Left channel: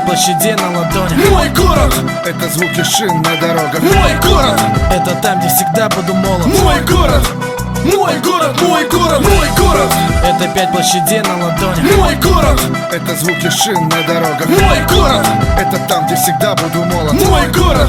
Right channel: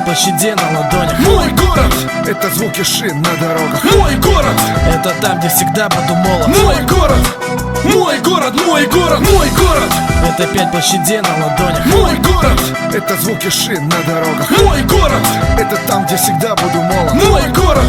5 площадей на ладони. Мой город — это звуки шин на дорогах. Мой город — это там, где всегда буду молод. мой город, мой город, мой город, мой город. Это 5 площадей на ладони. Мой город — это звуки шин на дорогах. Мой город — это там, где всегда буду молод. Мой город,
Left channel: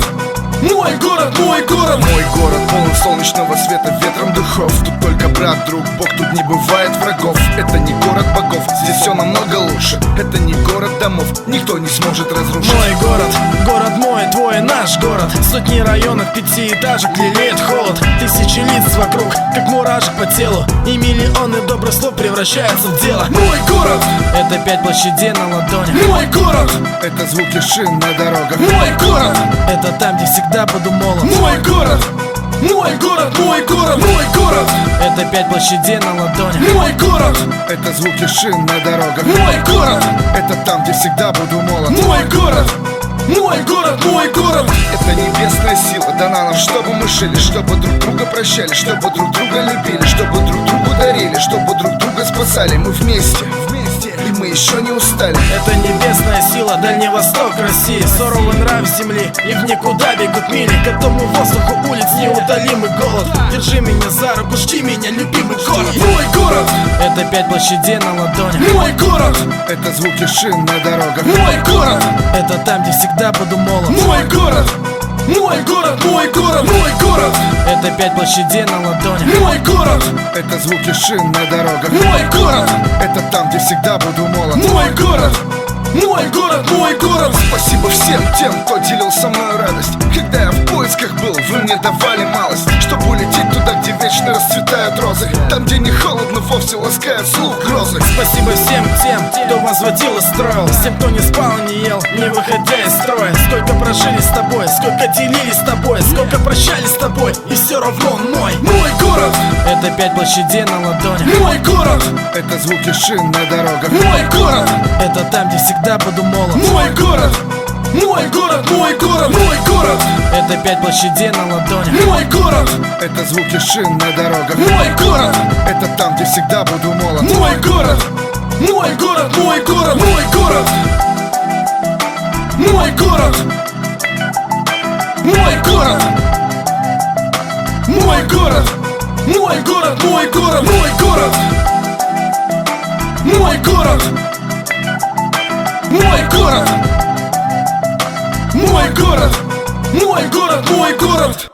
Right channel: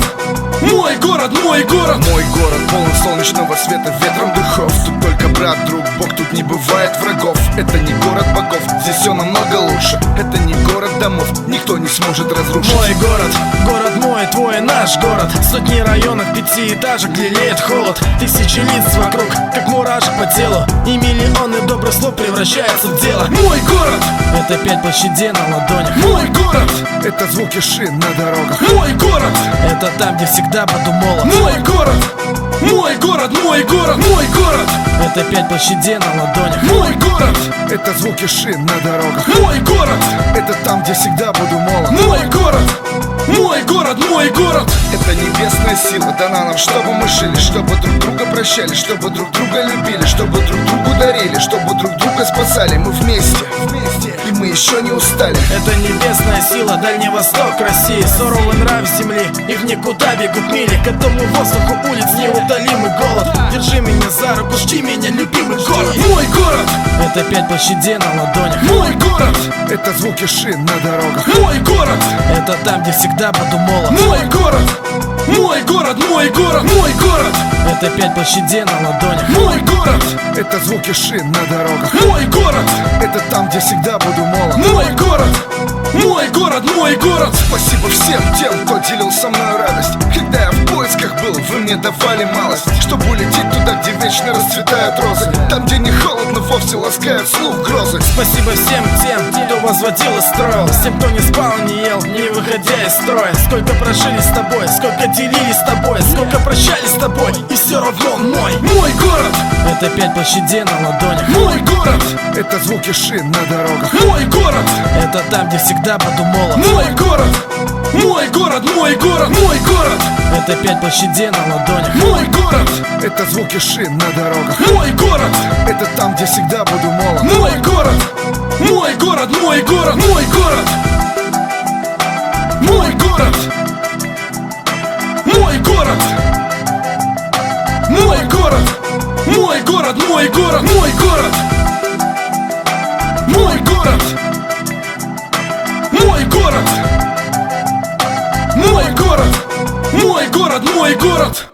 мой город, мой город. Мой город полон солнечного света, ветром духов. Тут только брат, друг, Бог, тут не бывает врагов. Это не город богов, здесь все намного лучше. Это не город домов, никто не сможет разрушить. Мой город, город мой, твой, наш город. Сотни районов, пятиэтажек, лелеет холод. Тысячи лиц вокруг, как мурашек по телу. И миллионы добрых слов превращаются в дело. Мой город — это 5 площадей на ладони. мой город — это звуки шин на дорогах. Мой город — это там, где всегда буду молод. мой город, мой город, мой город, мой город. Это 5 площадей на ладони. Мой город — это звуки шин на дорогах. Мой город — это там, где всегда буду молод. Мой город, мой город, мой город. Это небесная сила дана нам, чтобы мы жили, чтобы друг друга прощали, чтобы друг друга любили, чтобы друг другу дарили, чтобы друг друга спасали. Мы вместе, и мы еще не устали. Это небесная сила, Дальний Восток России. Суровый нрав земли, и в никуда бегут мили. К этому воздуху улиц неутолимый голод. Держи меня за руку, жди меня, любимый город. Мой город — это 5 площадей на ладони. мой город — это звуки шин на дорогах. Мой город — это там, где всегда буду молод. мой город, мой город, мой город, мой город. Это 5 площадей на ладони. Мой город — это звуки шин на дорогах. Мой город — это там, где всегда буду молод. Мой город, мой город, мой город. Спасибо всем тем, кто делил со мной радость. Когда я в поисках был, вы мне давали малость, чтобы улететь туда, где вечно расцветают розы. Там, где не холодно, вовсе ласкает слух грозы. Спасибо всем тем, кто возводил и строил. Всем, кто не спал и не ел, не выходя из строя. Сколько прожили с тобой, сколько делили с тобой, сколько прощались с тобой, и все равно он мой. Мой город — это 5 площадей на ладони. мой город — это звуки шин на дорогах. Мой город — это там, где всегда буду молод. мой город, мой город, мой город, мой город. Это 5 площадей на ладони. Мой город — это звуки шин на дорогах. Мой город — это там, где всегда буду молод. Мой город, мой город, мой город, мой город. Мой город, мой город, мой город, мой город, мой город, мой город. Мой город, мой город, мой город, мой город, мой город.